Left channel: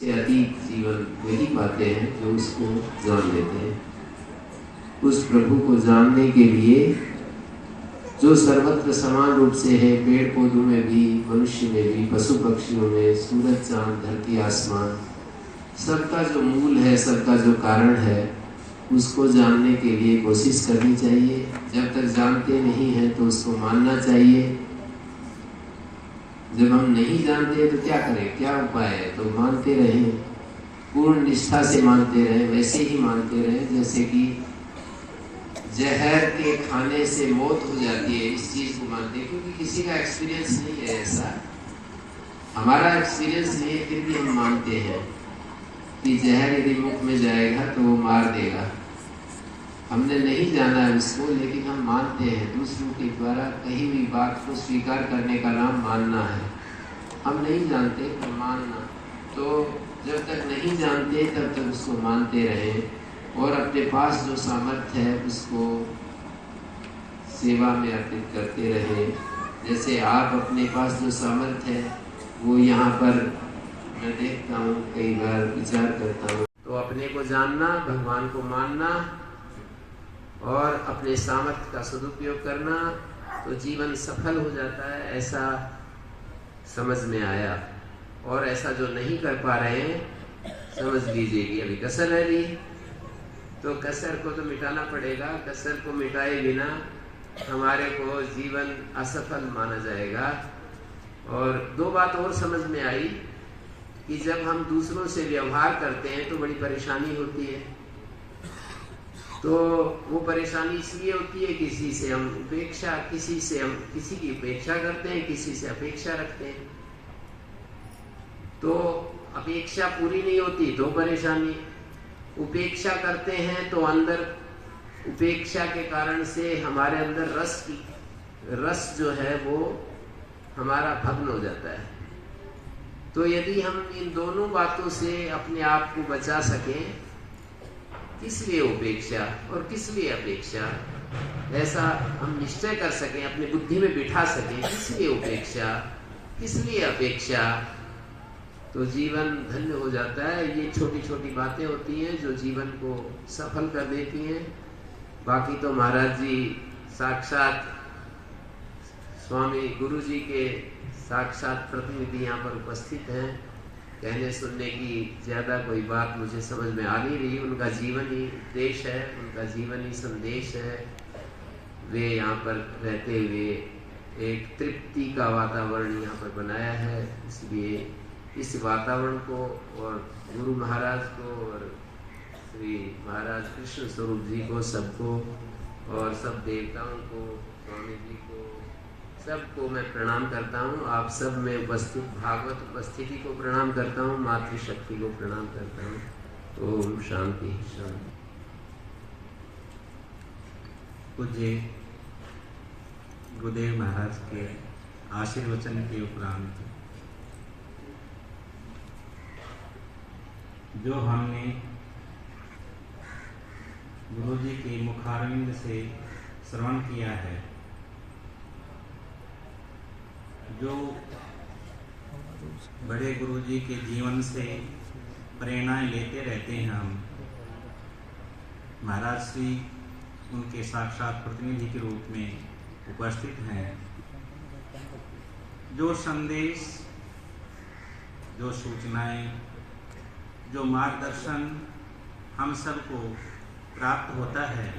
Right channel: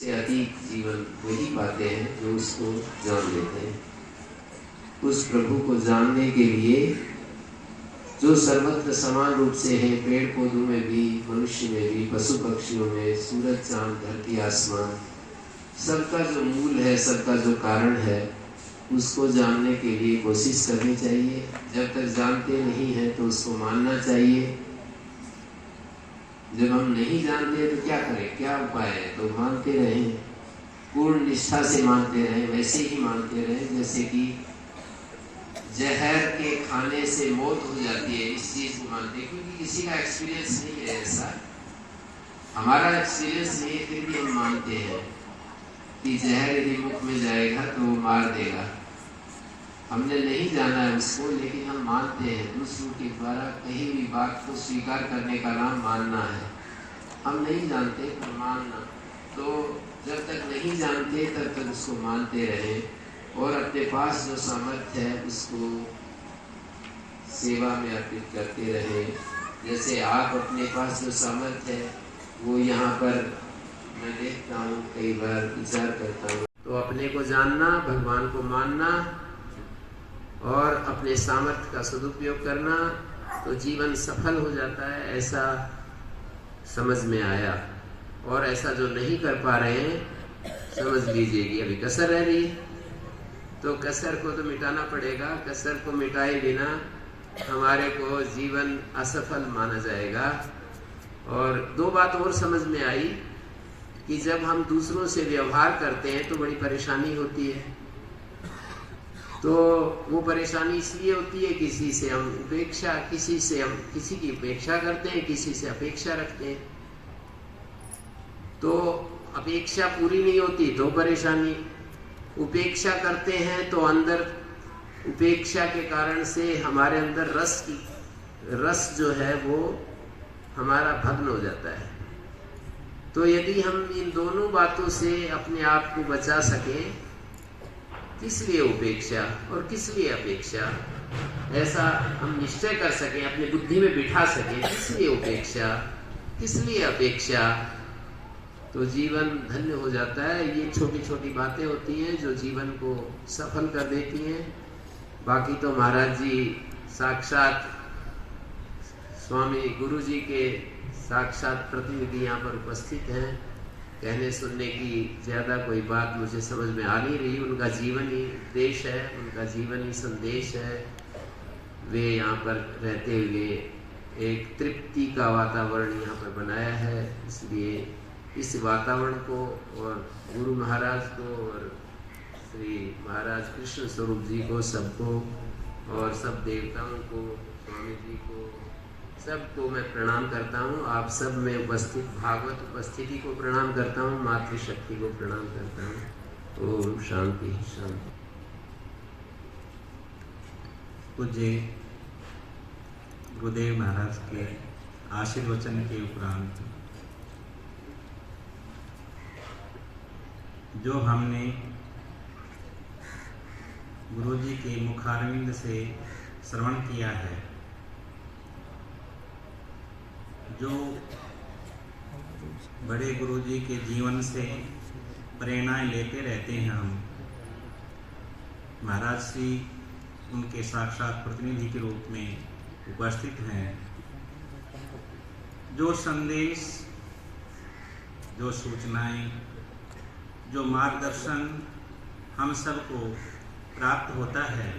से अतीत जीवन वही पाते हैं जो उसको जान लेते हैं। उस प्रभु को जानने के लिए जो सर्वत्र समान रूप से है, पेड़ पौधों में भी, मनुष्य में भी, पशु पक्षियों में, सूरज चांद धरती आसमान, सबका जो मूल है, सबका जो कारण है, उसको जानने के लिए कोशिश करनी चाहिए। जब तक जानते नहीं हैं तो उसको मानना चाहिए। जब हम नहीं जानते तो क्या करें, क्या उपाय है? तो मानते रहें, पूर्ण निष्ठा से मानते रहें। वैसे ही मानते रहें जैसे कि जहर के खाने से मौत हो जाती है, इस चीज को मानते हैं। क्योंकि किसी का एक्सपीरियंस नहीं है ऐसा, हमारा एक्सपीरियंस नहीं है, फिर भी हम मानते हैं कि जहर यदि मुख में जाएगा तो वो मार देगा। हमने नहीं जाना है उसको, लेकिन हम मानते हैं। दूसरों के द्वारा कही हुई बात को स्वीकार करने का नाम मानना है। हम नहीं जानते पर मानना। तो जब तक नहीं जानते तब तक उसको मानते रहें और अपने पास जो सामर्थ्य है उसको सेवा में अर्पित करते रहें। जैसे आप अपने पास जो सामर्थ्य है वो यहाँ पर मैं देखता हूँ, कई बार विचार करता हूँ। तो अपने को जानना, भगवान को मानना और अपने सामर्थ्य का सदुपयोग करना, तो जीवन सफल हो जाता है, ऐसा समझ में आया। और ऐसा जो नहीं कर पा रहे हैं, समझ लीजिए कि अभी कसर रह रही, तो कसर को तो मिटाना पड़ेगा। कसर को मिटाए बिना हमारे को जीवन असफल माना जाएगा। और दो बात और समझ में आई कि जब हम दूसरों से व्यवहार करते हैं तो बड़ी परेशानी होती है। तो वो परेशानी इसलिए होती है, किसी से हम किसी की उपेक्षा करते हैं, किसी से अपेक्षा रखते हैं। तो अपेक्षा पूरी नहीं होती तो परेशानी, उपेक्षा करते हैं तो अंदर उपेक्षा के कारण से हमारे अंदर रस जो है वो हमारा भग्न हो जाता है। तो यदि हम इन दोनों बातों से अपने आप को बचा सकें, किस लिए उपेक्षा और किस लिए अपेक्षा, ऐसा हम निश्चय कर सकें, अपनी बुद्धि में बिठा सकें, किस लिए उपेक्षा, किस लिए अपेक्षा, तो जीवन धन्य हो जाता है। ये छोटी छोटी बातें होती हैं जो जीवन को सफल कर देती हैं। बाकी तो महाराज जी साक्षात स्वामी गुरु जी के साक्षात प्रतिनिधि यहाँ पर उपस्थित हैं। कहने सुनने की ज्यादा कोई बात मुझे समझ में आ नहीं रही। उनका जीवन ही उपदेश है, उनका जीवन ही संदेश है। वे यहाँ पर रहते हुए एक तृप्ति का वातावरण यहाँ पर बनाया है। इसलिए इस वातावरण को और गुरु महाराज को और श्री महाराज कृष्ण स्वरूप जी को, सबको और सब देवताओं को, स्वामी जी को, सबको मैं प्रणाम करता हूँ। आप सब में उपस्थित भागवत उपस्थिति को प्रणाम करता हूँ, मातृशक्ति को प्रणाम करता हूँ। ओम शांति शांति। पूज्य गुरुदेव महाराज के आशीर्वचन के उपरांत जो हमने गुरु जी के मुखारविंद से श्रवण किया है, जो बड़े गुरु जी के जीवन से प्रेरणाएं लेते रहते हैं हम, महाराज श्री उनके साक्षात प्रतिनिधि के रूप में उपस्थित हैं। जो संदेश, जो सूचनाएं, जो मार्गदर्शन हम सबको प्राप्त होता है,